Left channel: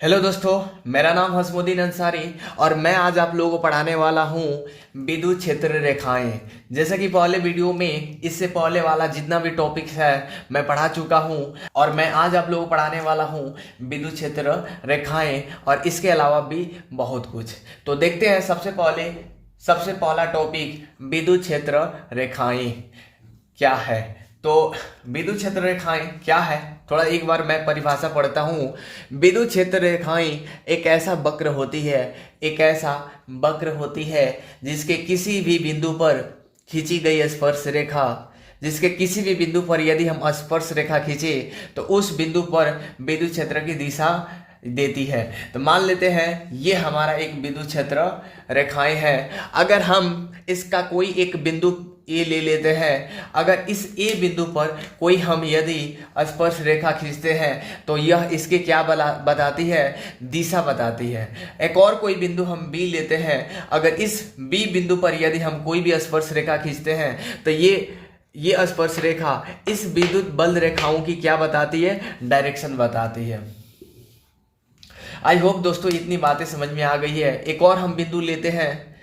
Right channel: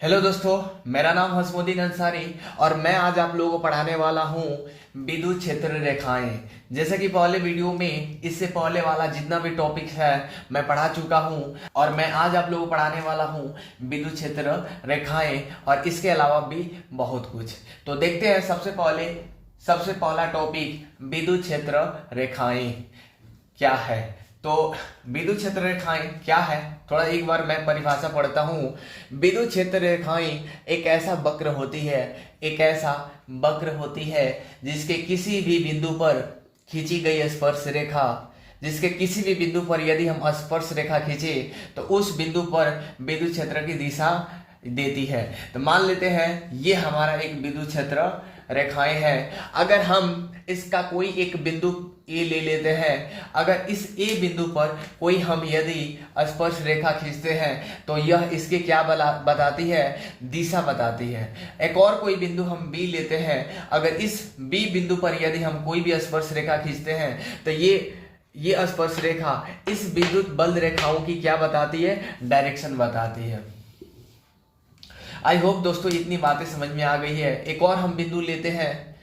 Hello दोस्तों, मेरा नाम हसमुद्दीन अंसारी और मैं आज आप लोगों को पढ़ाने वाला हूँ विद्युत क्षेत्र रेखाएं। जैसे कि पहले वीडियो में इससे पहले वाला जितना भी टॉपिक्स है मैं पढ़ा चुका हूँ और मैं आज आप लोगों को पढ़ाने वाला हूँ विद्युत क्षेत्र रेखाएं और इसके अलावा भी बहुत कुछ। तो देखते हैं सबसे पहला टॉपिक विद्युत क्षेत्र रेखाएं क्या है। तो विद्युत क्षेत्र रेखाएं क्या है, थोड़ा एक बार मैं परिभाषा पढ़ता हूँ। विद्युत क्षेत्र रेखाएं एक ऐसा वक्र होती है जिसके किसी भी बिंदु पर खींची गई स्पर्श रेखा, जिसके किसी भी बिंदु पर यदि हम स्पर्श रेखा खींचे तो उस बिंदु पर विद्युत क्षेत्र की दिशा देती है। तो मान लेते हैं ये हमारा एक विद्युत क्षेत्र रेखाएं है। अगर हम इसका कोई एक बिंदु ए ले लेते हैं, अगर इस ए बिंदु पर कोई हम यदि स्पर्श रेखा खींचते हैं तो यह इसके क्या बताती है, दिशा बताती है। एक और कोई बिंदु हम बी लेते हैं, अगर इस बी बिंदु पर यदि हम कोई भी स्पर्श रेखा खींचते हैं तो ये स्पर्श रेखा इस विद्युत बल रेखाओं की क्या बताती है, डायरेक्शन बताती है। आई होप दोस्तों इतनी बातें समझ में आ गई है। एक और हम बिंदु लेते हैं,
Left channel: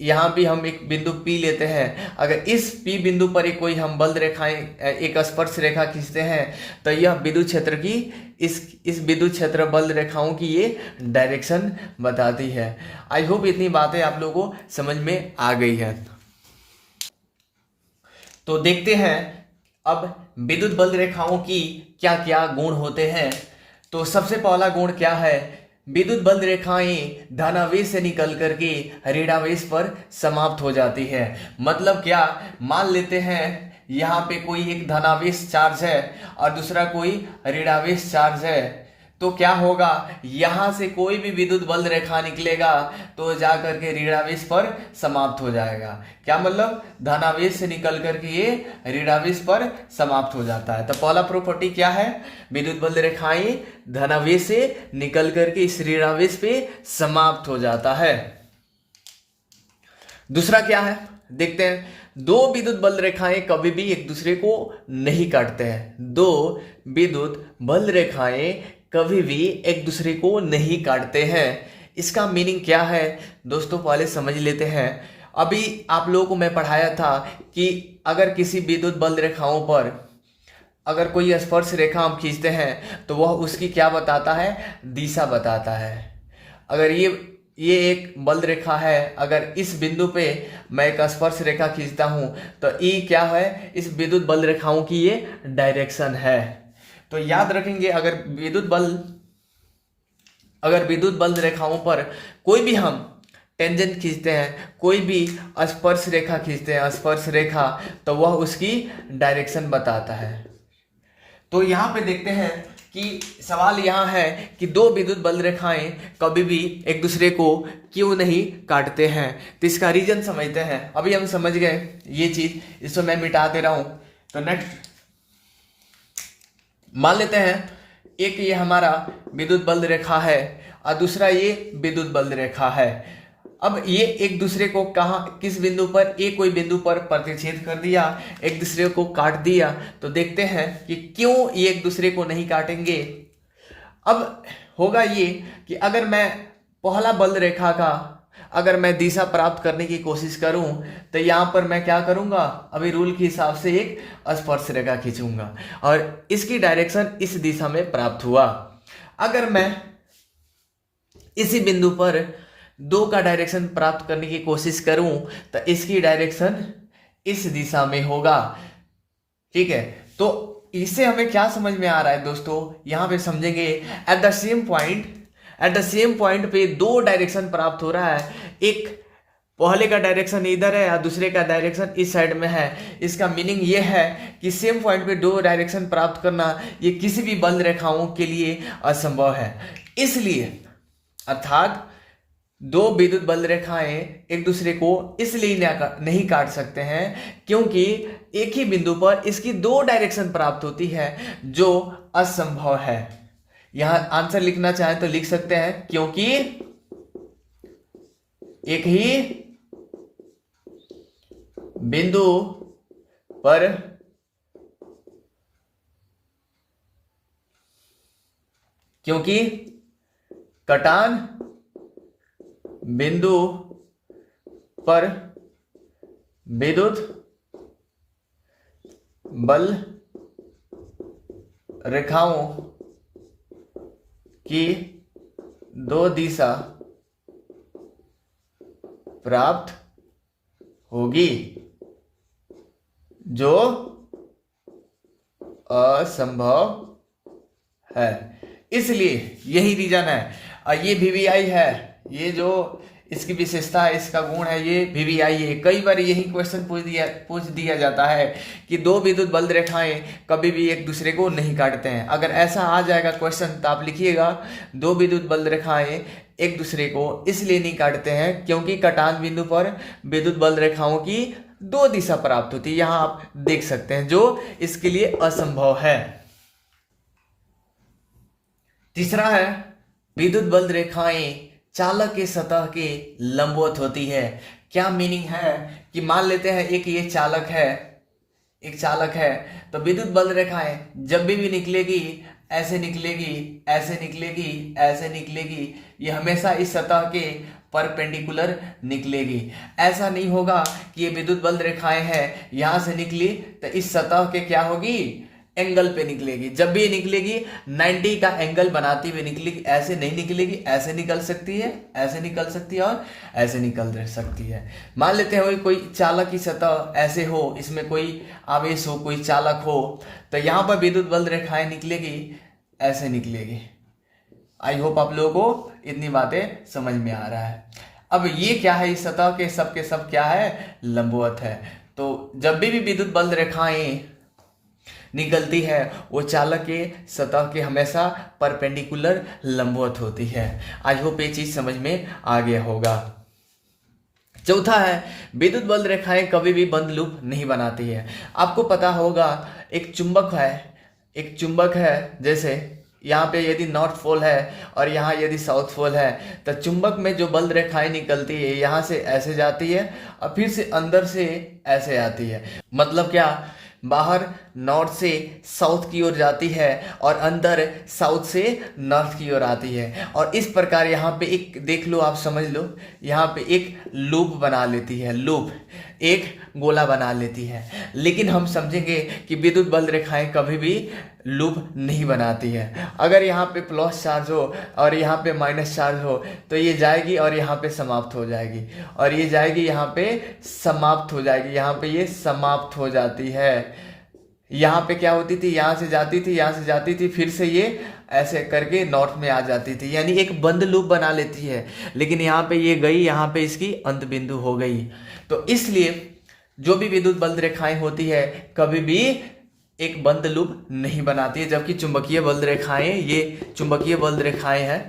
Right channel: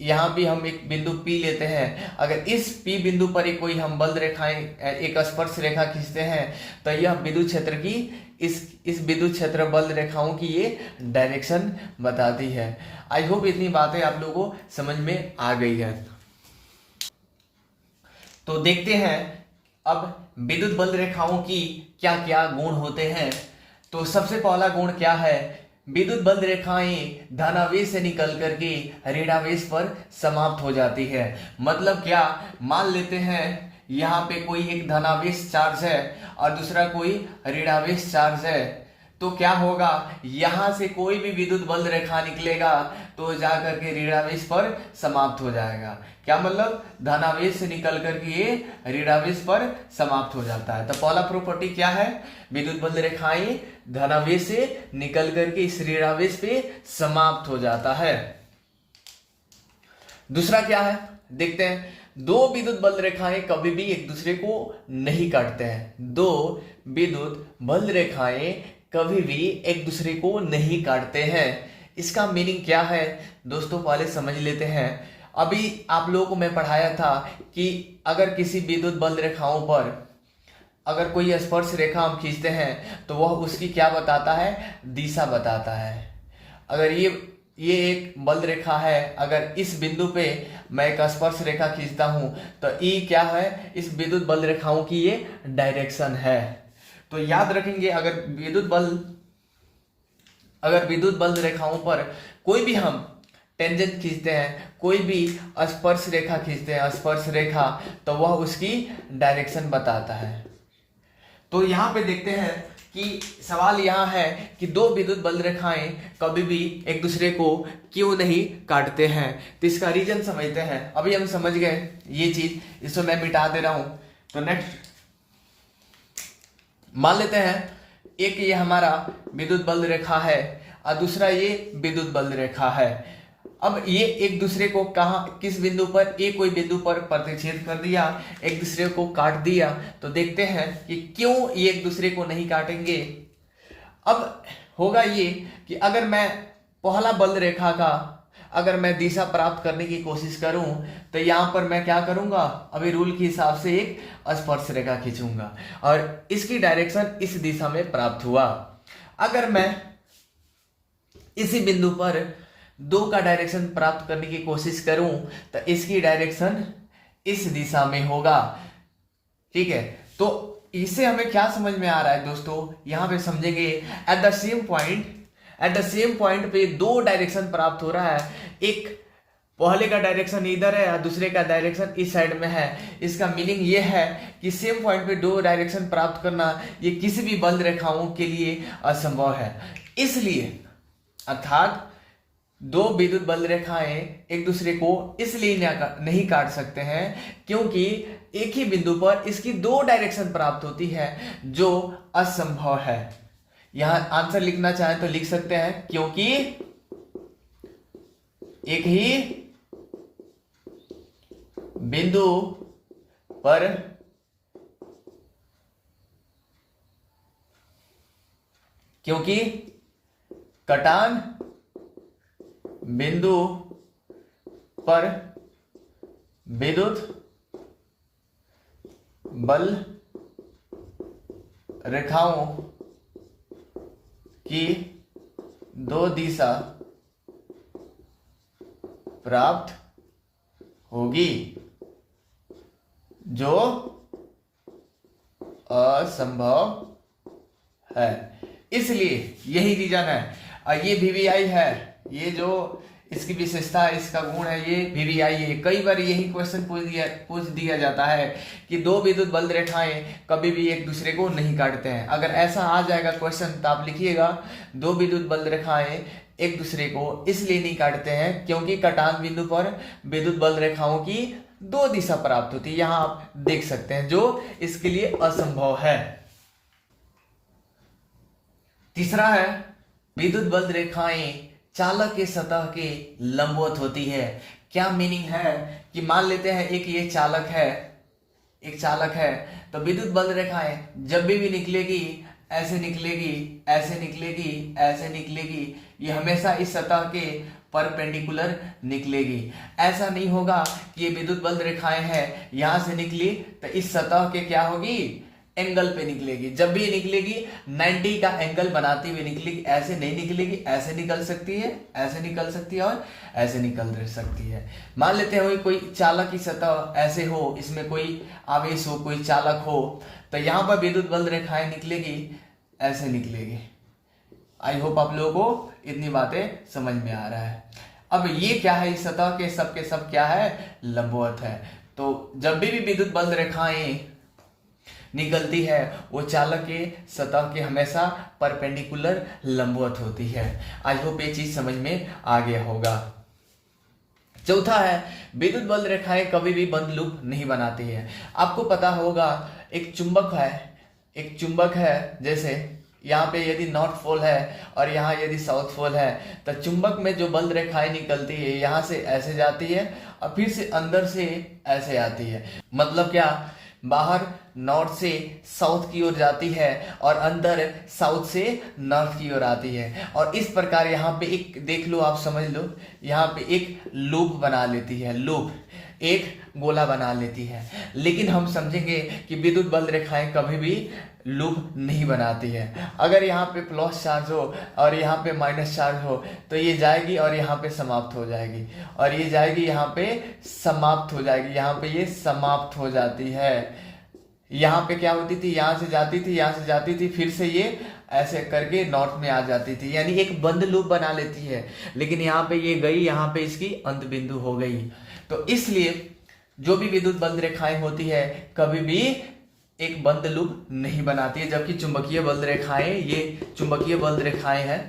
यहाँ भी हम एक बिंदु P लेते हैं। अगर इस P बिंदु पर कोई हम बल रेखाएं एक स्पर्श रेखा खींचते हैं तो यह विद्युत क्षेत्र की इस विद्युत क्षेत्र बल रेखाओं की ये डायरेक्शन बताती है। आई होप इतनी बातें आप लोगों को समझ में आ गई है। तो देखते हैं अब विद्युत बल रेखाओं की क्या क्या गुण होते हैं। तो सबसे पहला गुण क्या है, विद्युत बल रेखाएं धनावेश से निकल करके ऋणावेश पर समाप्त हो जाती है। मतलब क्या, मान लेते हैं यहाँ पे कोई एक धनावेश चार्ज है और दूसरा कोई ऋणावेश चार्ज है, तो क्या होगा, यहां से कोई भी विद्युत बल रेखा निकलेगा तो जाकर के ऋणावेश पर समाप्त हो जाएगा। क्या मतलब, धनावेश से निकल करके ये ऋणावेश पर समाप्त हो जाता है। तो पहला प्रॉपर्टी क्या है, विद्युत बल रेखाएं धनावेश से निकल करके इस ऋणावेश पे समाप्त हो जाता है। दूसरा क्या है, देखते हैं, दो विद्युत बल रेखाएं कभी भी एक दूसरे को नहीं काटते हैं। दो विद्युत बल रेखाएं कभी भी एक दूसरे को नहीं काटते हैं। इसका मीनिंग क्या है दोस्तों, पहले समझ लेते हैं। अभी आप लोगों को मैं पढ़ाया था कि अगर किसी विद्युत बल रेखाओं पर अगर कोई स्पर्श रेखा हम खींचते हैं तो वह उसकी क्या बताता है, दिशा बताता है। अगर ये एक बल रेखा है, अगर इस बिंदु पे मैं एक स्पर्श रेखा खींचता हूं तो ई क्या है, इस विद्युत बल रेखाओं की ये डायरेक्शन है। तो याद रखेंगे, अगर विद्युत बल रेखाओं पर कोई भी हम टेंजेंट खींचते हैं, कोई भी स्पर्श रेखा खींचते हैं, स्पर्श रेखा, तो वह उसकी डायरेक्शन बताता है। तो यहाँ पे देखते हैं कि सवाल यहाँ है कि दो विद्युत बल रेखाएं कभी भी एक दूसरे को क्यों नहीं काटते हैं। तो इसका रीजन समझते हैं। अभी हम समझ गए ये चीज, इसको मैं मिटा दे रहा हूं। तो नेक्स्ट मान लेते हैं एक ये हमारा विद्युत बल रेखा है और दूसरा ये विद्युत बल रेखा है। अब ये एक दूसरे को किस बिंदु पर, कोई बिंदु पर प्रतिच्छेद कर दिया, एक दूसरे को काट दिया। तो देखते हैं कि क्यों ये एक दूसरे को नहीं काटेंगे। अब होगा ये कि अगर मैं पहला बल रेखा का अगर मैं दिशा प्राप्त करने की कोशिश करूं तो यहां पर मैं क्या करूंगा, अभी रूल के हिसाब से एक स्पर्श रेखा खींचूंगा और इसकी डायरेक्शन इस दिशा में प्राप्त हुआ। अगर मैं इसी बिंदु पर दो का डायरेक्शन प्राप्त करने की कोशिश करूं तो इसकी डायरेक्शन इस दिशा में होगा। ठीक है, तो इससे हमें क्या समझ में आ रहा है दोस्तों, यहां पे समझेंगे। एट द सेम पॉइंट पे दो डायरेक्शन प्राप्त हो रहा है, एक पहले का डायरेक्शन इधर है और दूसरे का डायरेक्शन इस साइड में है। इसका मीनिंग ये है कि सेम पॉइंट पे दो डायरेक्शन प्राप्त करना ये किसी भी बल रेखाओं के लिए असंभव है। इसलिए अर्थात दो विद्युत बल रेखाएं एक दूसरे को इसलिए नहीं काट सकते हैं क्योंकि एक ही बिंदु पर इसकी दो डायरेक्शन प्राप्त होती है, जो असंभव है। यहां आंसर लिखना चाहे तो लिख सकते हैं, क्योंकि एक ही बिंदु पर क्योंकि कटान बिंदु पर विद्युत बल रेखाओं की दो दिशा प्राप्त होगी जो असंभव है। इसलिए यही रीजन है। और ये वीवीआई है, ये जो इसकी विशेषता है, इसका गुण है, ये वीवीआई है। कई बार यही क्वेश्चन पूछ दिया जाता है कि दो विद्युत बल रेखाएं कभी भी एक दूसरे को नहीं काटते हैं। अगर ऐसा आ जाएगा क्वेश्चन तो आप लिखिएगा दो विद्युत बल रेखाएं एक दूसरे को इसलिए नहीं काटते हैं क्योंकि कटान बिंदु पर विद्युत बल रेखाओं की दो दिशा प्राप्त होती है। यहां आप देख सकते हैं जो इसके लिए असंभव है। तीसरा है विद्युत बल रेखाएं चालक के सतह के लंबवत होती है। क्या मीनिंग है कि मान लेते हैं एक ये चालक है, एक चालक है, तो विद्युत बल रेखाएं जब भी निकलेगी ऐसे निकलेगी, ऐसे निकलेगी, ऐसे निकलेगी, ये हमेशा इस सतह के परपेंडिकुलर निकलेगी। ऐसा नहीं होगा कि ये विद्युत बल रेखाएं हैं यहां से निकली तो इस सतह के क्या होगी, एंगल पे निकलेगी। जब भी ये निकलेगी 90 का एंगल बनाती हुई निकलेगी, ऐसे नहीं निकलेगी, ऐसे निकल सकती है, ऐसे निकल सकती है और ऐसे निकल सकती है। मान लेते हैं कोई चालक की सतह ऐसे हो, इसमें कोई आवेश हो, कोई चालक हो, तो यहां पर विद्युत बल रेखाएं निकलेगी, ऐसे निकलेगी। आई होप आप लोगों को इतनी बातें समझ में आ रहा है। अब ये क्या है, इस सतह के सब क्या है, लंबवत है। तो जब भी विद्युत बल रेखाएं निकलती है वो चालक के सतह के हमेशा परपेंडिकुलर लंबवत होती है। आई होप ये चीज समझ में आ गया होगा। चौथा है विद्युत बल रेखाएं कभी भी बंद लूप नहीं बनाती है। आपको पता होगा एक चुंबक है, एक चुंबक है, जैसे यहाँ पे यदि नॉर्थ पोल है और यहाँ यदि साउथ पोल है, तो चुंबक में जो बल रेखाएं निकलती है यहाँ से ऐसे जाती है और फिर से अंदर से ऐसे आती है। मतलब क्या, बाहर नॉर्थ से साउथ की ओर जाती है और अंदर साउथ से नॉर्थ की ओर आती है। और इस प्रकार यहाँ पे एक देख लो, आप समझ लो, यहाँ पे एक लूप बना लेती है, लूप एक गोला बना लेती है। लेकिन हम समझेंगे कि विद्युत बल रेखाएं कभी भी लूप नहीं बनाती है। अगर यहाँ पे प्लस चार्ज हो और यहाँ पे माइनस चार्ज हो तो ये जाएगी और यहाँ पे समाप्त हो जाएगी, और ये जाएगी यहाँ पे समाप्त हो जाएगी, यहाँ पे ये समाप्त हो जाती है। यहाँ पे क्या होती थी, यहाँ से जाती थी, यहाँ से जाती थी, फिर से ये ऐसे करके नॉर्थ में आ जाती थी, यानी एक बंद लूप बना लेती है। लेकिन यहाँ पे ये गई, यहाँ पे इसकी अंत बिंदु हो गई। तो इसलिए जो भी विद्युत बल रेखाएं होती है कभी भी एक बंद लूप नहीं बनाती है। जबकि चुंबकीय बल रेखाएं, ये चुंबकीय बल रेखाएं हैं,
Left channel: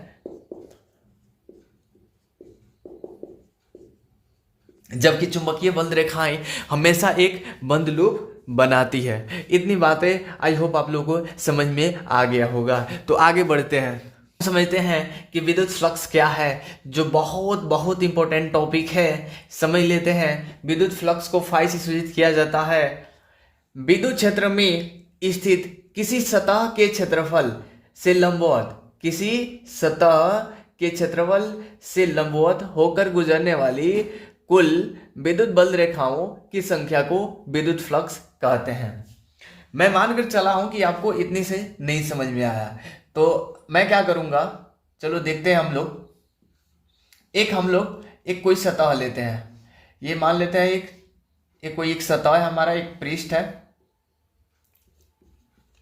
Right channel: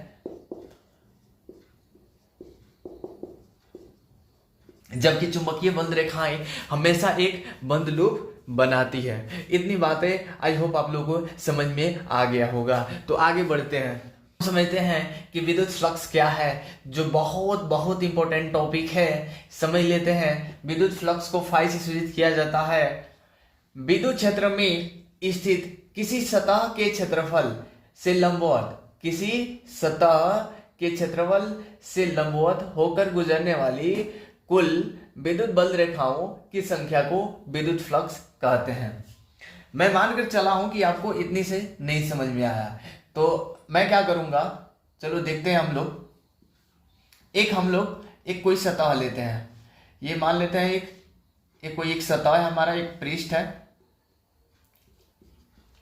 जबकि चुंबकीय बल रेखाएं हमेशा एक बंद लूप बनाती है। इतनी बातें आई होप आप लोगों को समझ में आ गया होगा। तो आगे बढ़ते हैं, समझते हैं कि विद्युत फ्लक्स क्या है, जो बहुत बहुत इंपॉर्टेंट टॉपिक है। समझ लेते हैं। विद्युत फ्लक्स को फाइ से सूचित किया जाता है। विद्युत क्षेत्र में स्थित किसी सतह के क्षेत्रफल से लंबवत, किसी सतह के क्षेत्रफल से लंबवत होकर गुजरने वाली कुल विद्युत बल रेखाओं की संख्या को विद्युत फ्लक्स कहते हैं। मैं मानकर चला हूं कि आपको इतनी से नहीं समझ में आया, तो मैं क्या करूंगा, चलो देखते हैं। हम लोग एक कोई सतह लेते हैं। ये मान लेते हैं एक कोई एक सतह है हमारा, एक पृष्ठ है,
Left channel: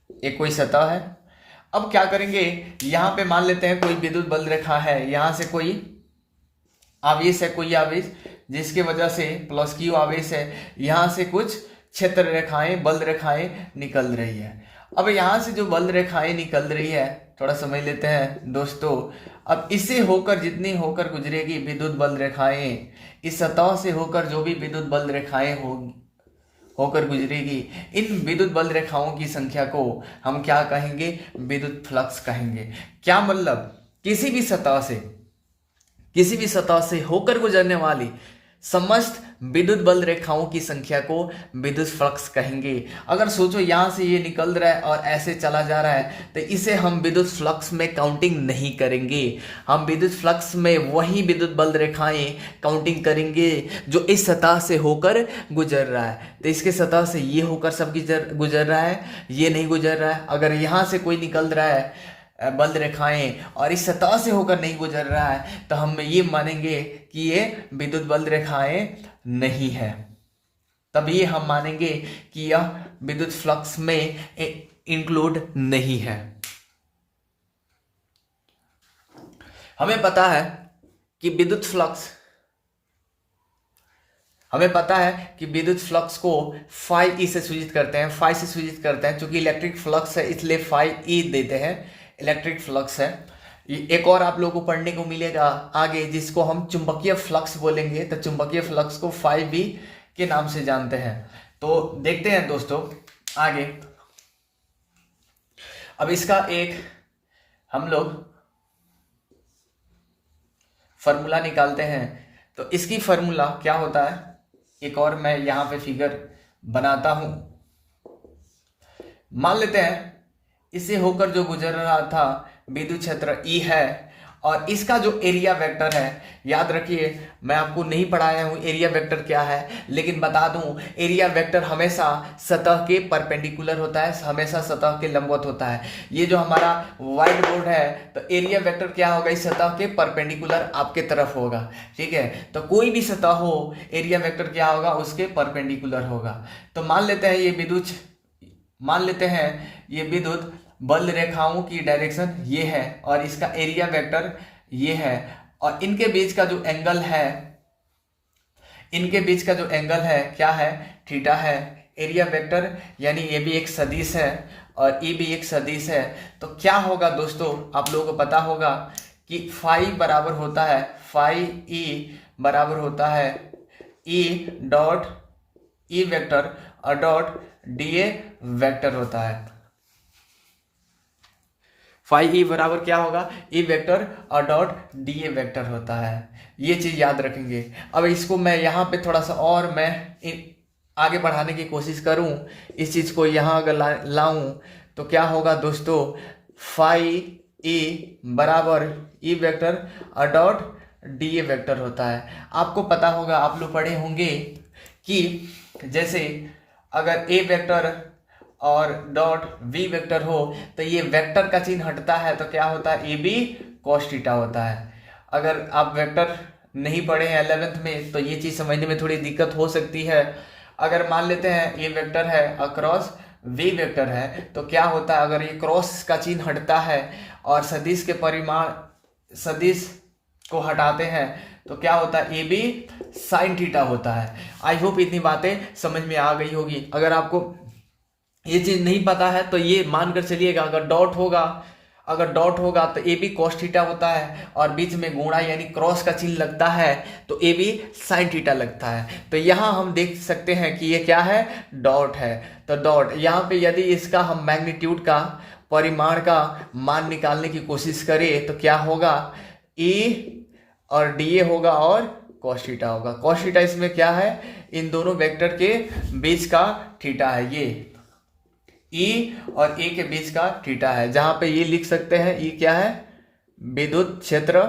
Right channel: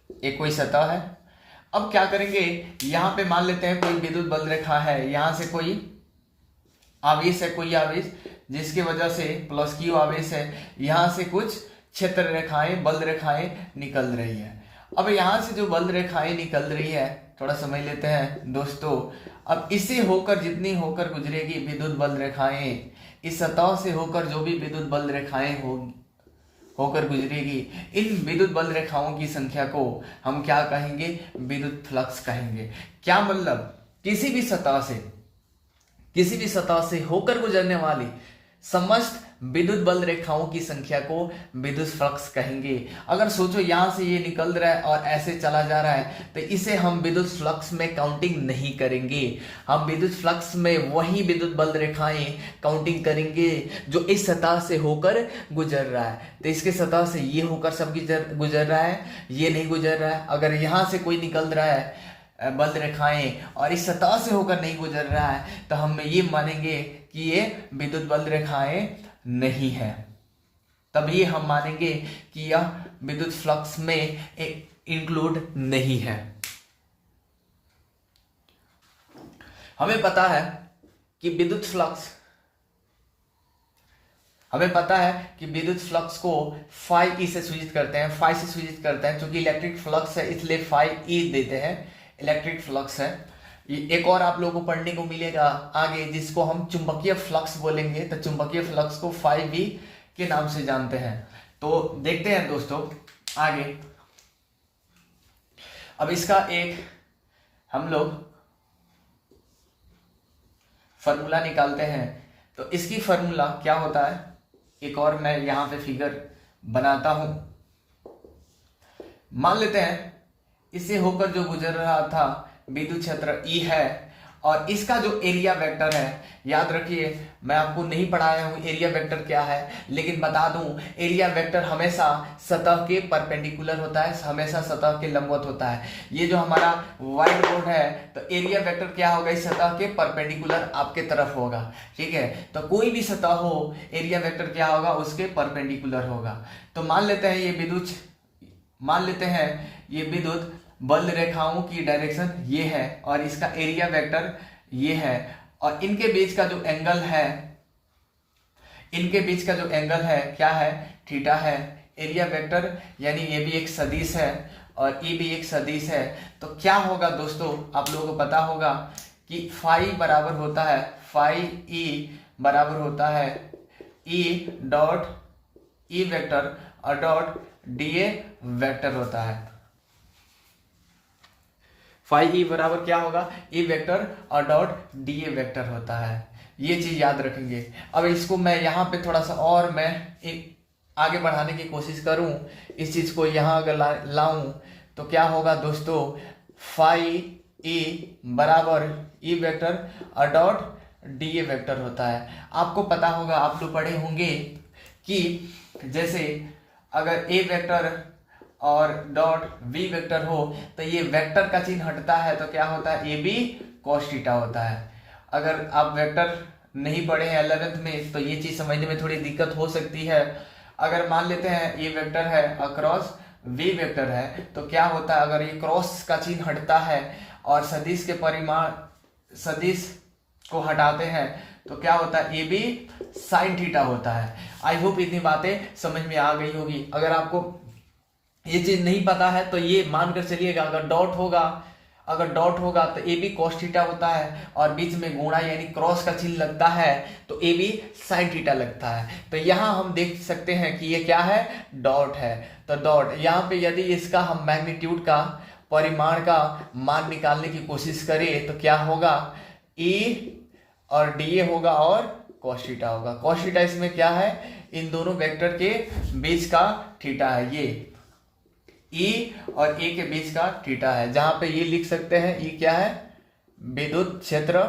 एक कोई सतह है। अब क्या करेंगे, यहां पे मान लेते हैं कोई विद्युत बल रेखा है, यहां से कोई आवेश है, कोई आवेश जिसकी वजह से प्लस क्यू आवेश है, यहां से कुछ क्षेत्र रेखाएं, बल रेखाएं निकल रही है। अब यहां से जो बल रेखाएं निकल रही है, थोड़ा समझ लेते हैं दोस्तों। अब इसे होकर जितनी होकर गुजरेगी विद्युत बल रेखाएं, इस सतह से होकर जो भी विद्युत बल रेखाएं होकर गुजरेगी, इन विद्युत बल रेखाओं की संख्या को हम क्या कहेंगे, विद्युत फ्लक्स कहेंगे। क्या मतलब, किसी भी सतह से होकर गुजरने वाली समस्त विद्युत बल रेखाओं की संख्या को विद्युत फ्लक्स कहेंगे। अगर सोचो यहां से ये निकल रहा है और ऐसे चला जा रहा है तो इसे हम विद्युत फ्लक्स में काउंटिंग नहीं करेंगे। हम विद्युत फ्लक्स में वही विद्युत बल रेखाएं काउंटिंग करेंगे जो इस सतह से होकर गुजर रहा है। तो इसके सतह से ये होकर सब गुजर रहा है, ये नहीं गुजर रहा है। अगर यहां से कोई निकल रहा है बल रेखाएं और इस सतह से होकर नहीं गुजर रहा है तो हम ये मानेंगे कि ये विद्युत बल रेखाएं नहीं है। तब ये हम मानेंगे कि यह विद्युत फ्लक्स में इंक्लूड नहीं है। हमें पता है कि विद्युत फ्लक्स को फाई ई से सूचित करते हैं, क्योंकि इलेक्ट्रिक फ्लक्स है इसलिए फाई ई देते हैं, इलेक्ट्रिक फ्लक्स है। एक और आप लोगों को पढ़ने को मिलेगा आगे जिसको हम चुंबकीय फ्लक्स बोलेंगे, तो चुंबकीय फ्लक्स को फाई बी के नाम से जानते हैं। तो देखते हैं दोस्तों आगे। अब इसका एक हम लोग फॉर्मूला निकालते हैं। तो इसकी फॉर्मूला क्या होता है, एक और मैं यहां पे फिगर बनाता हूं। मान लेते हैं इससे होकर जो गुजर रहा था विद्युत क्षेत्र ई है और इसका जो एरिया वेक्टर है, याद रखिए मैं आपको नहीं पढ़ाया हूं एरिया वेक्टर क्या है, लेकिन बता दूं एरिया वेक्टर हमेशा सतह के परपेंडिकुलर होता है, हमेशा सतह के लंबवत होता है। ये जो हमारा व्हाइट बोर्ड है तो एरिया वेक्टर क्या होगा, इस सतह के परपेंडिकुलर आपके तरफ होगा, ठीक है। तो कोई भी सतह हो एरिया वेक्टर क्या होगा, उसके परपेंडिकुलर होगा। तो मान लेते हैं ये विद्युत बल रेखाओं की डायरेक्शन ये है और इसका एरिया वेक्टर ये है और इनके बीच का जो एंगल है क्या है, थीटा है। एरिया वेक्टर यानी ये भी एक सदिश है और ये भी एक सदिश है। तो क्या होगा दोस्तों, आप लोगों को पता होगा कि फाई बराबर होता है ई डॉट ई वेक्टर और डॉट डी ए वेक्टर होता है। फाई ई बराबर क्या होगा, ई वेक्टर और डॉट डी ए वेक्टर होता है। ये चीज याद रखेंगे। अब इसको मैं यहाँ पे थोड़ा सा और मैं आगे बढ़ाने की कोशिश करूं, इस चीज को यहाँ अगर लाऊं तो क्या होगा दोस्तों, फाई ई बराबर ई वेक्टर और डॉट डी ए वेक्टर होता है। आपको पता होगा, आप लोग पढ़े होंगे कि जैसे अगर ए वेक्टर और डॉट वी वेक्टर हो तो ये वेक्टर का चिन्ह हटता है तो क्या होता है, ए बी कॉस थीटा होता है। अगर आप वेक्टर नहीं पढ़े हैं 11th में तो ये चीज समझने में थोड़ी दिक्कत हो सकती है। अगर मान लेते हैं ये वेक्टर है और क्रॉस वी वेक्टर है तो क्या होता है, अगर ये क्रॉस का चिन्ह हटता है और सदिश के परिमाण सदिश को हटाते हैं तो क्या होता है, ए बी साइन थीटा होता है। आई होप इतनी बातें समझ में आ गई होगी। अगर आपको ये चीज नहीं पता है तो ये मानकर चलिएगा अगर डॉट होगा तो ए बी कॉस थीटा होता है और बीच में गुणा यानी क्रॉस का चिन्ह लगता है तो ए बी साइन थीटा लगता है। तो यहाँ हम देख सकते हैं कि ये क्या है, डॉट है। तो डॉट यहाँ पे यदि इसका हम मैग्नीट्यूड का परिमाण का मान निकालने की कोशिश करें तो क्या होगा, ई और डी ए होगा और कॉस थीटा होगा। कॉस थीटा इसमें क्या है, इन दोनों वेक्टर के बीच का थीटा है। ये ई और ए के बीच का थीटा है, जहां पे ये लिख सकते हैं ई क्या है, विद्युत क्षेत्र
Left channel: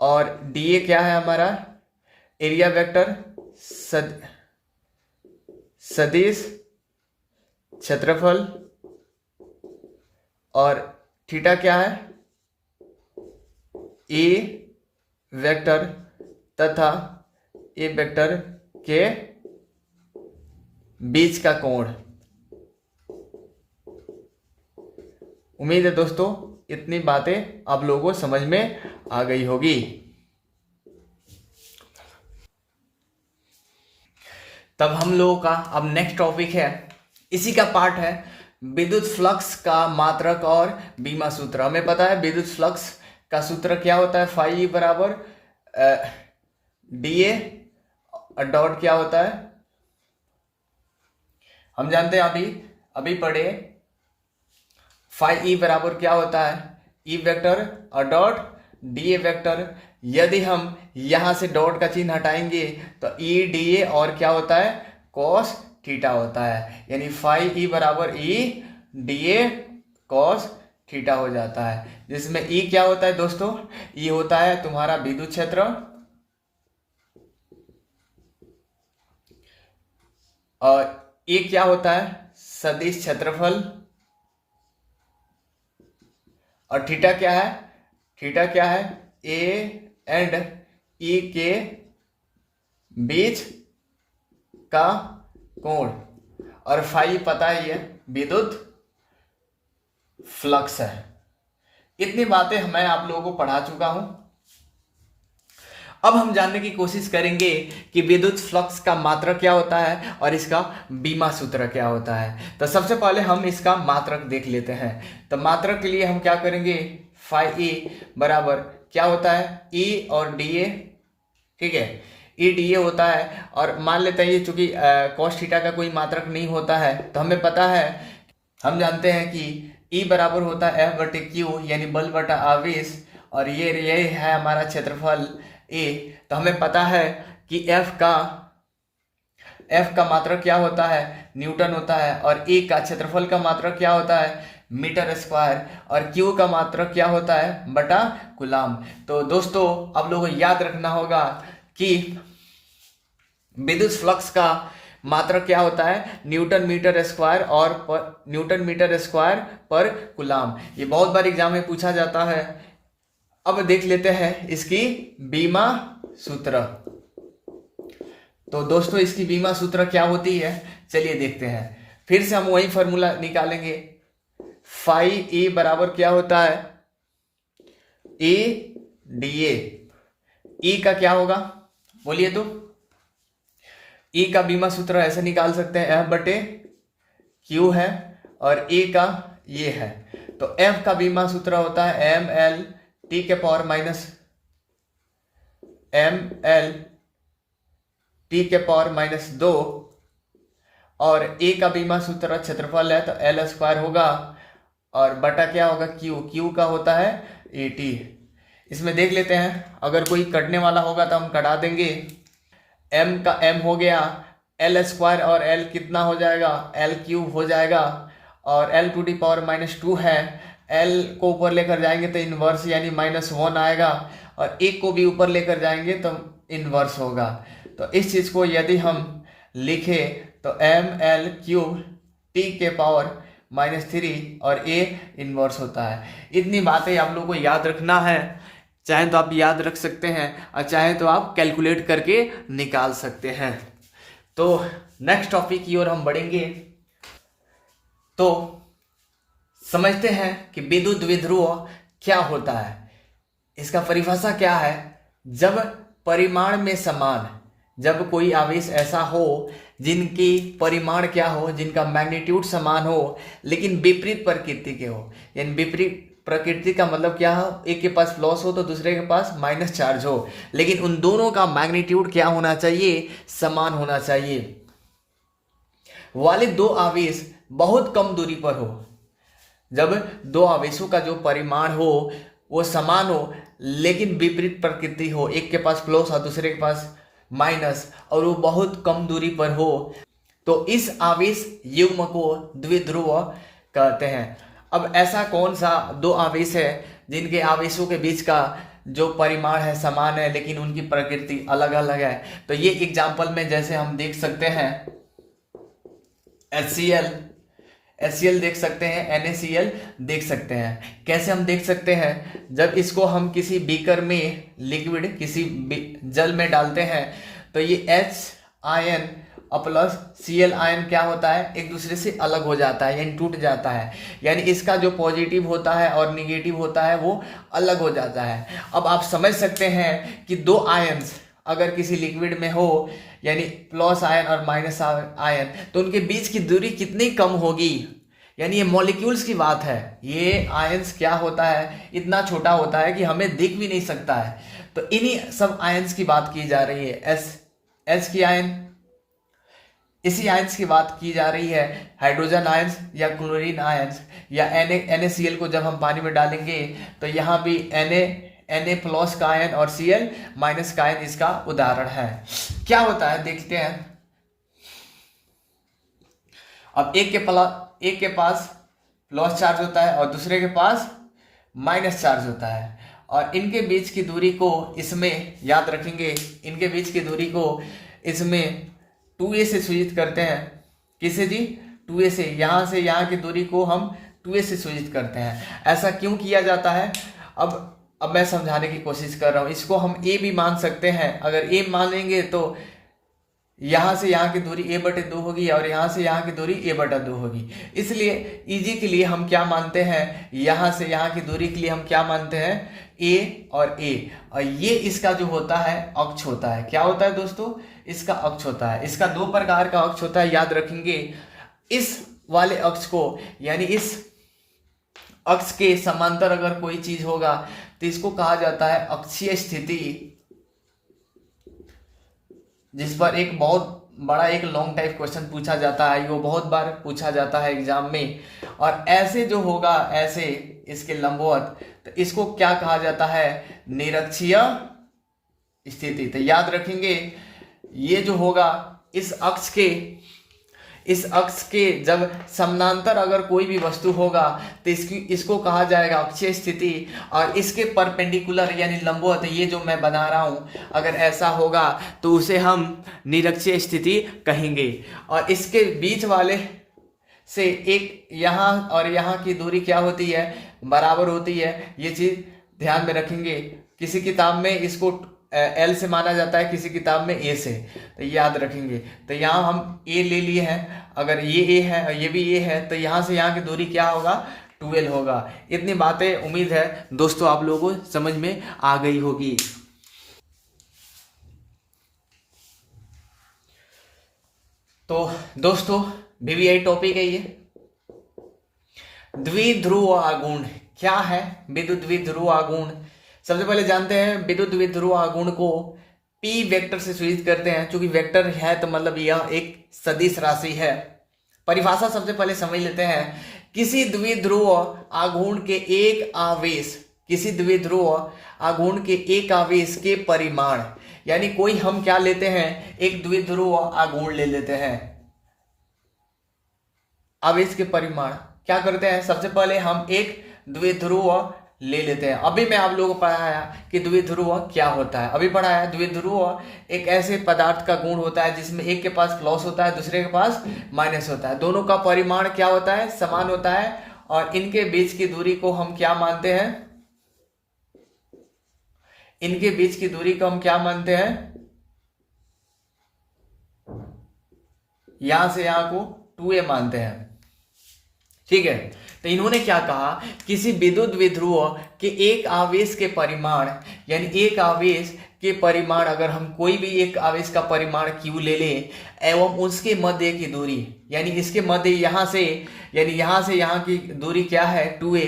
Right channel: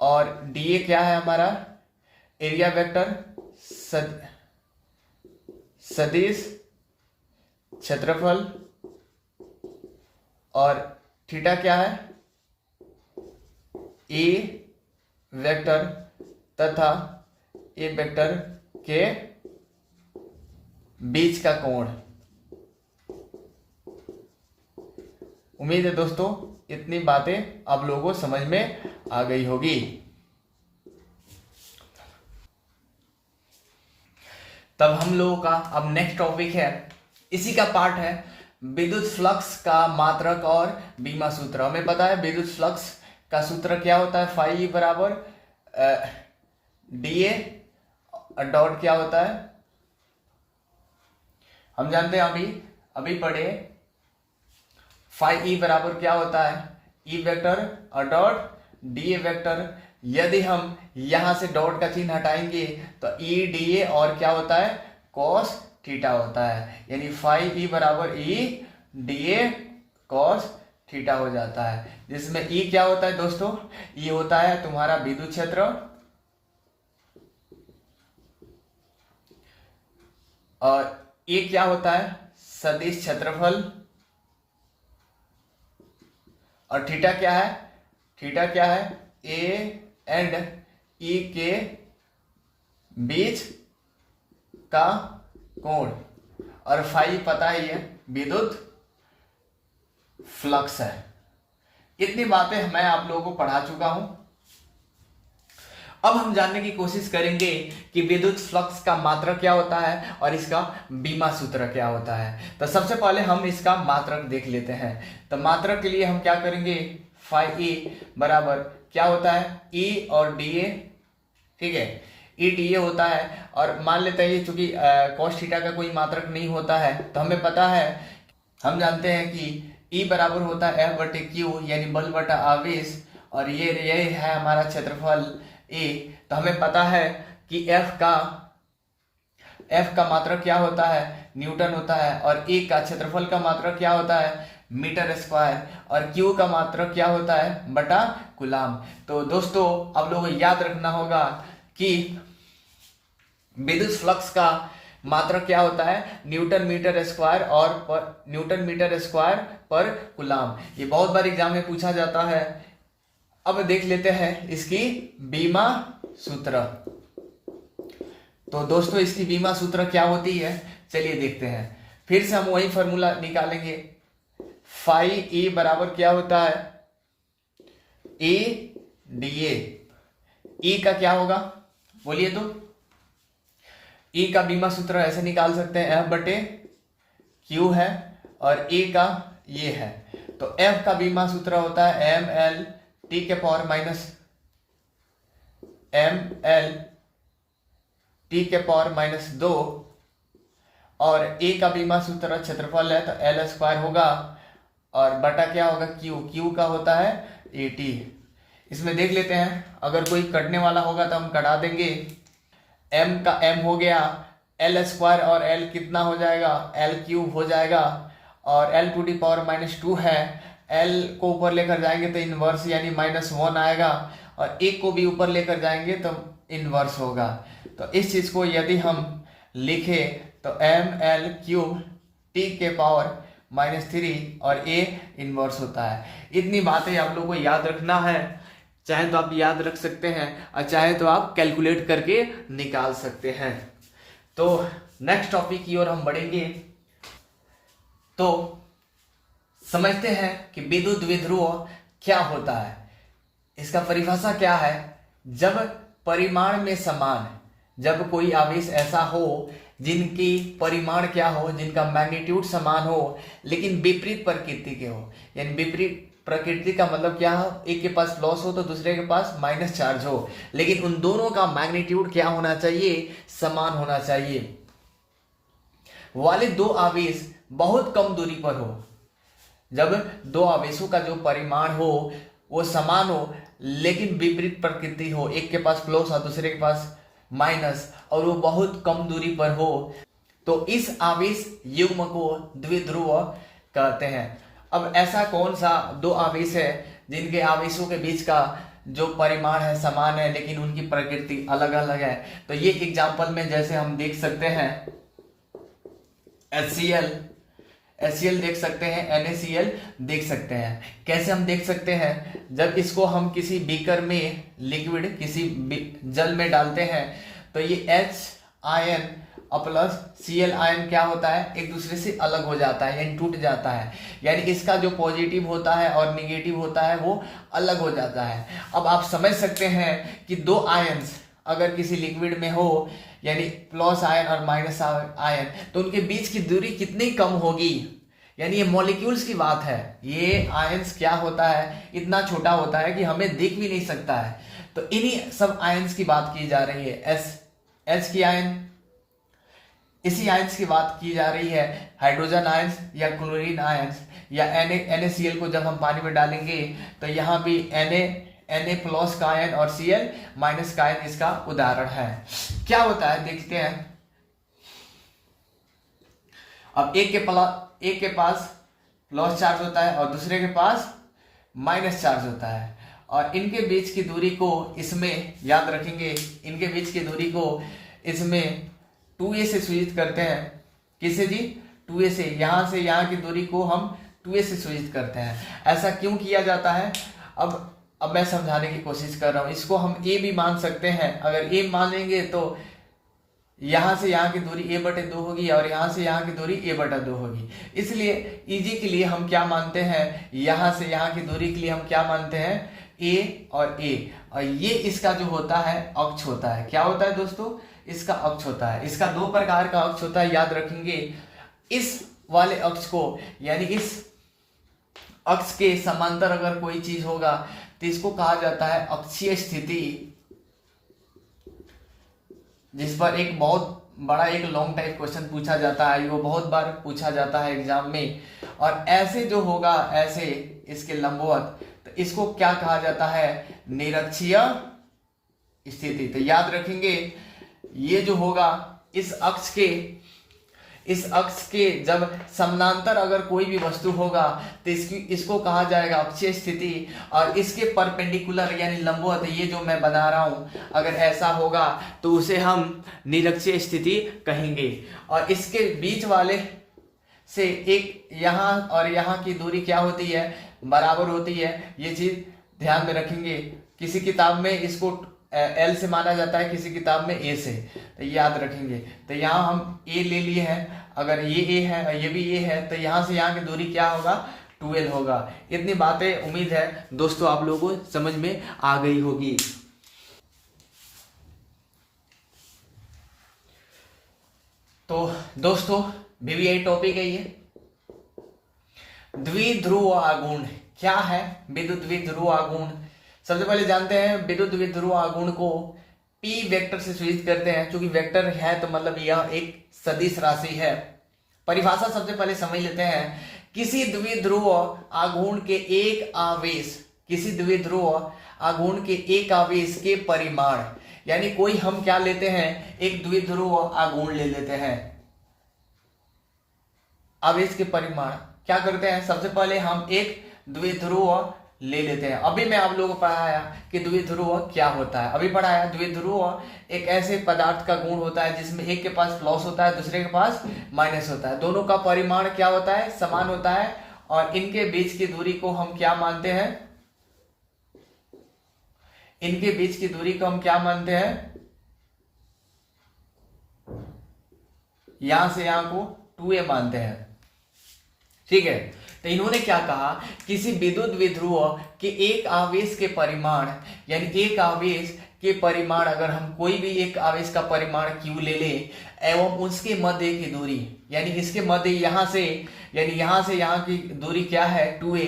और डी ए क्या है हमारा एरिया वेक्टर सदिश क्षेत्रफल और थीटा क्या है, ए वेक्टर तथा ए वेक्टर के बीच का कोण। उम्मीद है दोस्तों इतनी बातें आप लोगों को समझ में आ गई होगी। तब हम लोगों का अब नेक्स्ट टॉपिक है, इसी का पार्ट है विद्युत फ्लक्स का मात्रक और बीमा सूत्र। हमें पता है विद्युत फ्लक्स का सूत्र क्या होता है, फाई बराबर डी ए डॉट क्या होता है, हम जानते हैं अभी पढ़े। फाई ई बराबर क्या होता है, ई वेक्टर और डॉट डी ए वेक्टर, यदि हम यहां से डॉट का चिन्ह हटाएंगे तो ई डी ए और क्या होता है कॉस थीटा होता है, यानी फाई ई बराबर E D A cos theta हो जाता है, जिसमें ई क्या होता है दोस्तों, ई होता है तुम्हारा विद्युत क्षेत्र और ए क्या होता है सदिश क्षेत्रफल, और थीटा क्या है, थीटा क्या है ए एंड ई के बीच का कोण, और फाई पता ही है विद्युत फ्लक्स है। इतनी बातें मैं आप लोगों को पढ़ा चुका हूं। अब हम जानने की कोशिश करेंगे कि विद्युत फ्लक्स का मात्रक क्या होता है और इसका बीमा सूत्र क्या होता है। तो सबसे पहले हम इसका मात्रक देख लेते हैं। तो मात्रक के लिए हम क्या करेंगे, फाई ई बराबर क्या होता है ई और डी ए, ठीक है, ई डी ए होता है, और मान लेते हैं ये चूंकि कॉस थीटा का कोई मात्रक नहीं होता है, तो हमें पता है, हम जानते हैं कि ई बराबर होता है एफ बटे क्यू, यानी बल बटा आवेश, और ये है हमारा क्षेत्रफल ए। तो हमें पता है कि एफ का मात्रक क्या होता है न्यूटन होता है, और ए का क्षेत्रफल का मात्रक क्या होता है मीटर स्क्वायर, और क्यू का मात्रक क्या होता है बटा कूलाम। तो दोस्तों आप लोगों को याद रखना होगा कि विद्युत फ्लक्स का मात्रक क्या होता है न्यूटन मीटर स्क्वायर और न्यूटन मीटर स्क्वायर पर कूलाम। ये बहुत बार एग्जाम में पूछा जाता है। अब देख लेते हैं इसकी बीमा सूत्र। तो दोस्तों इसकी बीमा सूत्र क्या होती है चलिए देखते हैं। फिर से हम वही फॉर्मूला निकालेंगे, फाई ए बराबर क्या होता है ए डी ए। ई का क्या होगा बोलिए, तो ई का बीमा सूत्र ऐसे निकाल सकते हैं एफ बटे क्यू है, और ए का ये है, तो एफ का बीमा सूत्र होता है एम एल टी के power minus M L T के पावर माइनस 2, और ए का बीमा सूत्र क्षेत्रफल है तो एल स्क्वायर होगा, और बटा क्या होगा क्यू, क्यू का होता है ए टी। इसमें देख लेते हैं, अगर कोई कटने वाला होगा तो हम कटा देंगे। एम का एम हो गया, एल स्क्वायर और एल कितना हो जाएगा एल क्यूब हो जाएगा, और L two D power minus 2 है, एल को ऊपर लेकर जाएंगे तो इनवर्स यानी -1 आएगा, और एक को भी ऊपर लेकर जाएंगे तो इनवर्स होगा। तो इस चीज को यदि हम लिखे तो एम एल क्यूब टी के पावर -3 और ए इनवर्स होता है। इतनी बातें आप लोगों को याद रखना है, चाहे तो आप याद रख सकते हैं और चाहे तो आप कैलकुलेट करके निकाल सकते हैं। तो नेक्स्ट टॉपिक की ओर हम बढ़ेंगे। तो समझते हैं कि विद्युत द्विध्रुव क्या होता है, इसका परिभाषा क्या है। जब परिमाण में समान, जब कोई आवेश ऐसा हो जिनकी परिमाण क्या हो, जिनका मैग्नीट्यूड समान हो लेकिन विपरीत प्रकृति के हो, यानी विपरीत प्रकृति का मतलब क्या हो, एक के पास प्लस हो तो दूसरे के पास माइनस चार्ज हो, लेकिन उन दोनों का मैग्नीट्यूड क्या होना चाहिए समान होना चाहिए। वाले दो आवेश बहुत कम दूरी पर हो, जब दो आवेशों का जो परिमाण हो वो समान हो लेकिन विपरीत प्रकृति हो, एक के पास प्लस और दूसरे के पास माइनस, और वो बहुत कम दूरी पर हो, तो इस आवेश युग्म को द्विध्रुव कहते हैं। अब ऐसा कौन सा दो आवेश है जिनके आवेशों के बीच का जो परिमाण है समान है लेकिन उनकी प्रकृति अलग अलग है। तो ये एग्जांपल में जैसे हम देख सकते हैं HCl देख सकते हैं, NaCl देख सकते हैं। कैसे हम देख सकते हैं, जब इसको हम किसी बीकर में लिक्विड किसी जल में डालते हैं तो ये H आयन और प्लस Cl आयन क्या होता है एक दूसरे से अलग हो जाता है यानी टूट जाता है, यानी इसका जो पॉजिटिव होता है और निगेटिव होता है वो अलग हो जाता है। अब आप समझ सकते हैं कि दो आयन्स अगर किसी लिक्विड में हो यानी प्लस आयन और माइनस आयन, तो उनके बीच की दूरी कितनी कम होगी, यानी ये मॉलिक्यूल्स की बात है। ये आयन्स क्या होता है इतना छोटा होता है कि हमें दिख भी नहीं सकता है। तो इन्हीं सब आयन्स की बात की जा रही है, H की आयन, इसी आयन्स की बात की जा रही है। हाइड्रोजन आयन्स या क्लोरीन आयन्स या NaCl को जब हम पानी में डालेंगे तो यहाँ भी Na+ का आयन और Cl- का आयन इसका उदाहरण है। क्या होता है देखते हैं। अब एक के पास प्लस चार्ज होता है और दूसरे के पास माइनस चार्ज होता है, और इनके बीच की दूरी को इसमें याद रखेंगे, इनके बीच की दूरी को इसमें 2a से सूचित करते हैं। किसे जी? 2a से यहाँ की दूरी को हम 2a से सूचित करते हैं। ऐसा क्यों किया जाता है? अब मैं समझाने की कोशिश कर रहा हूं। इसको हम a भी मान सकते हैं। अगर a मान लेंगे तो यहाँ से यहाँ की दूरी a/2 होगी और यहाँ से यहाँ की दूरी a/2 होगी। इसलिए इजी के लिए हम क्या मानते हैं, यहाँ से यहाँ की दूरी के लिए हम क्या मानते हैं, a और a। और ये इसका जो होता है अक्ष होता है। क्या होता है दोस्तों? इसका अक्ष होता है। इसका 2 प्रकार का अक्ष होता है, याद रखेंगे। इस वाले अक्ष को, यानी इस अक्ष के समांतर अगर कोई चीज होगा तो इसको कहा जाता है अक्षीय स्थिति, जिस पर एक बहुत बड़ा एक लॉन्ग टाइप क्वेश्चन पूछा जाता है। वो बहुत बार पूछा जाता है एग्जाम में। और ऐसे जो होगा, ऐसे इसके लंबवत, तो इसको क्या कहा जाता है, निरक्षीय स्थिति। तो याद रखेंगे, ये जो होगा इस अक्ष के जब समानांतर अगर कोई भी वस्तु होगा तो इसको कहा जाएगा अक्षीय स्थिति। और इसके परपेंडिकुलर यानी लंबवत, ये जो मैं बना रहा हूं, अगर ऐसा होगा तो उसे हम निरक्षीय स्थिति कहेंगे। और इसके बीच वाले से एक यहाँ और यहाँ की दूरी क्या होती है, बराबर होती है। ये चीज ध्यान में रखेंगे। किसी किताब में इसको L से माना जाता है, किसी किताब में A से, तो याद रखेंगे। तो यहाँ हम A ले लिए हैं, अगर ये A है और ये भी A है, तो यहाँ से यहाँ की दूरी क्या होगा, 2L होगा। इतनी बातें उम्मीद है दोस्तों आप लोगों को समझ में आ गई होगी। तो दोस्तों VVI टॉपिक है ये, द्विध्रुव आघूर्ण। क्या है विद्युत द्विध्रुव आघूर्ण? सबसे पहले जानते हैं विद्युत द्विध्रुव आघूर्ण को P वेक्टर से सूचित करते हैं। चूंकि वेक्टर है तो मतलब यह एक सदिश राशि है। परिभाषा सबसे पहले समझ लेते हैं। किसी द्विध्रुव आघूर्ण के एक आवेश, किसी द्विध्रुव आघूर्ण के एक आवेश के परिमाण, यानी कोई हम क्या लेते हैं, एक द्विध्रुव आघूर्ण ले लेते हैं। आवेश के परिमाण क्या करते हैं, सबसे पहले हम एक द्विध्रुव ले लेते हैं। अभी मैं आप लोगों को पढ़ाया कि द्विध्रुव क्या होता है। अभी पढ़ाया द्विध्रुव एक ऐसे पदार्थ का गुण होता है जिसमें एक के पास प्लस होता है, दूसरे के पास माइनस होता है। दोनों का परिमाण क्या होता है, समान होता है। और इनके बीच की दूरी को हम क्या मानते हैं, इनके बीच की दूरी को हम क्या मानते हैं, यहां से यहां को 2a मानते हैं। ठीक है। तो इन्होंने क्या कहा, किसी विद्युत द्विध्रुव के एक आवेश के परिमाण, यानी एक आवेश के परिमाण, अगर हम कोई भी एक आवेश का परिमाण q ले लें एवं उसके मध्य की दूरी, यानी इसके मध्य यहां से, यानी यहां से यहां की दूरी क्या है 2a,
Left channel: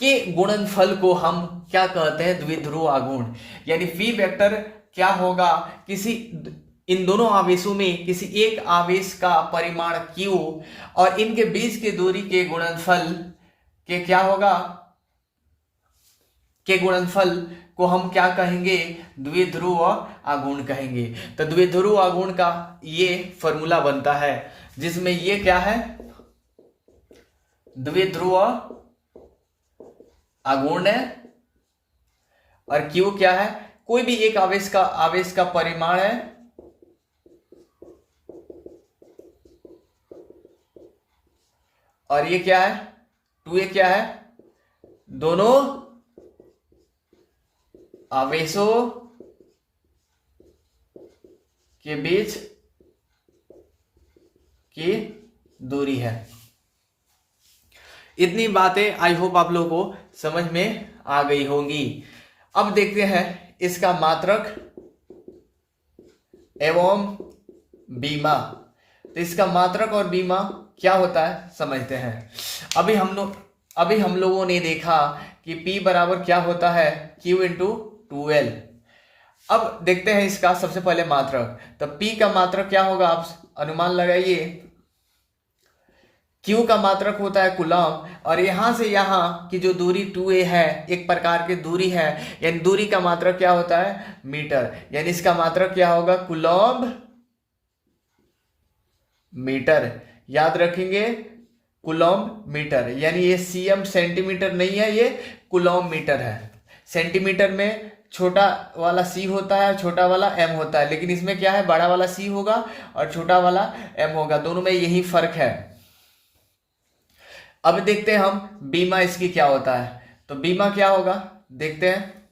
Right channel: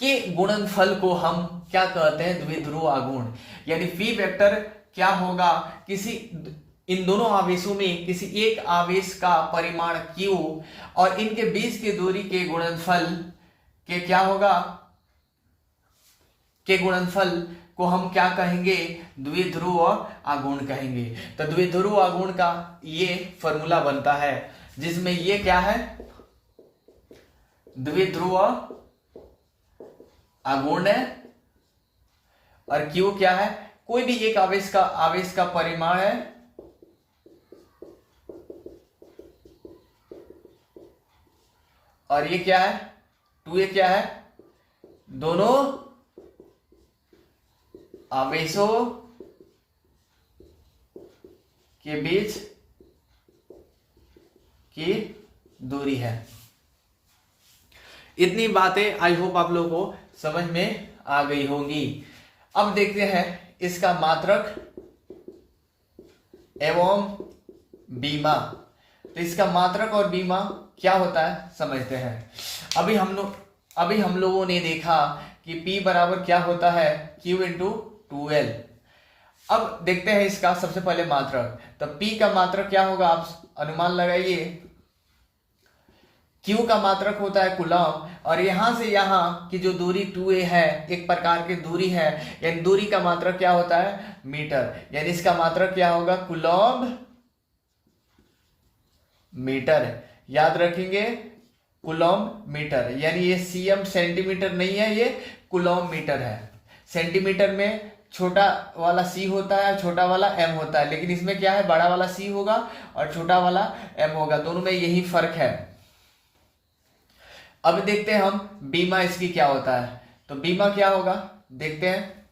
के गुणनफल को हम क्या कहते हैं, द्विध्रुव आघूर्ण। यानी P वेक्टर क्या होगा, किसी इन दोनों आवेशों में किसी एक आवेश का परिमाण q और इनके बीच की दूरी के गुणनफल के क्या होगा, के गुणनफल को हम क्या कहेंगे, द्विध्रुव आघूर्ण कहेंगे। तो द्विध्रुव आघूर्ण का ये फॉर्मूला बनता है जिसमें ये क्या है, द्विध्रुव आघूर्ण है और q क्या है, कोई भी एक आवेश का परिमाण है और ये क्या है 2a क्या है, दोनों आवेशों के बीच की दूरी है। इतनी बातें आई होप आप लोगों को समझ में आ गई होंगी। अब देखते हैं इसका मात्रक एवं बीमा। तो इसका मात्रक और बीमा क्या होता है समझते हैं। अभी हम लोगों ने देखा कि P बराबर क्या होता है, Q इंटू 2L। अब देखते हैं इसका सबसे पहले मात्रक। तो P का मात्रक क्या होगा, आप अनुमान लगाइए। Q का मात्रक होता है कूलम, और यहां से यहां की जो दूरी 2a है, एक प्रकार की दूरी है, यानी दूरी का मात्रक क्या होता है, मीटर, यानी इसका मात्रक क्या होगा, कूलम मीटर। याद रखेंगे, कूलम मीटर, यानी ये cm सेंटीमीटर नहीं है, ये कूलम मीटर है। सेंटीमीटर में छोटा वाला c होता है, छोटा वाला m होता है, लेकिन इसमें क्या है, बड़ा वाला c होगा और छोटा वाला m होगा, दोनों में यही फर्क है। अब देखते हैं हम बीमा इसकी क्या होता है। तो बीमा क्या होगा देखते हैं।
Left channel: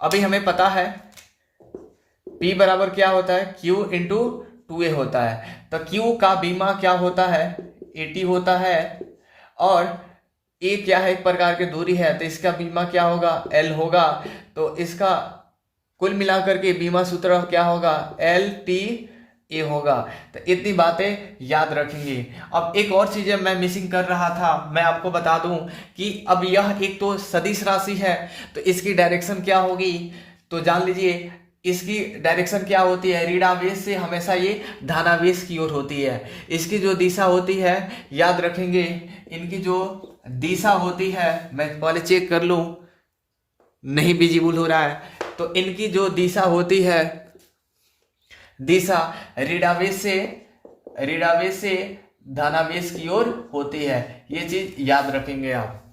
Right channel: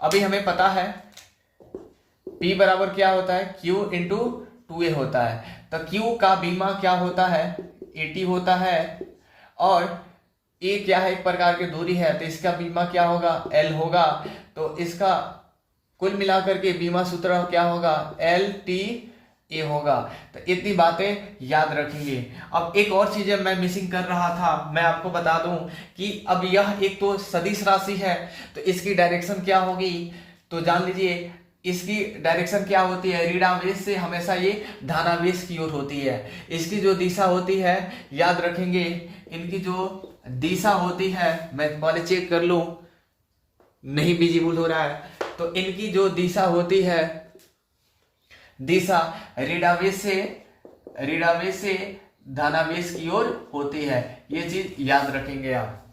अभी हमें पता है P बराबर क्या होता है, Q इंटू 2a होता है। तो Q का बीमा क्या होता है, 80 होता है, और A क्या है, एक प्रकार की दूरी है, तो इसका बीमा क्या होगा, L होगा। तो इसका कुल मिलाकर के बीमा सूत्र क्या होगा, LTA होगा। तो इतनी बातें याद रखेंगे। अब एक और चीज मैं मिसिंग कर रहा था, मैं आपको बता दूं कि अब यह एक तो सदिश राशि है, तो इसकी डायरेक्शन क्या होगी, तो जान लीजिए इसकी डायरेक्शन क्या होती है, ऋणावेश से हमेशा ये धनावेश की ओर होती है। इसकी जो दिशा होती है, याद रखेंगे, इनकी जो दिशा होती है, मैं पहले चेक कर लूं, नहीं विजिबल हो रहा है, तो इनकी जो दिशा होती है, दिशा ऋणावेश से धनावेश की ओर होती है। ये चीज याद रखेंगे आप।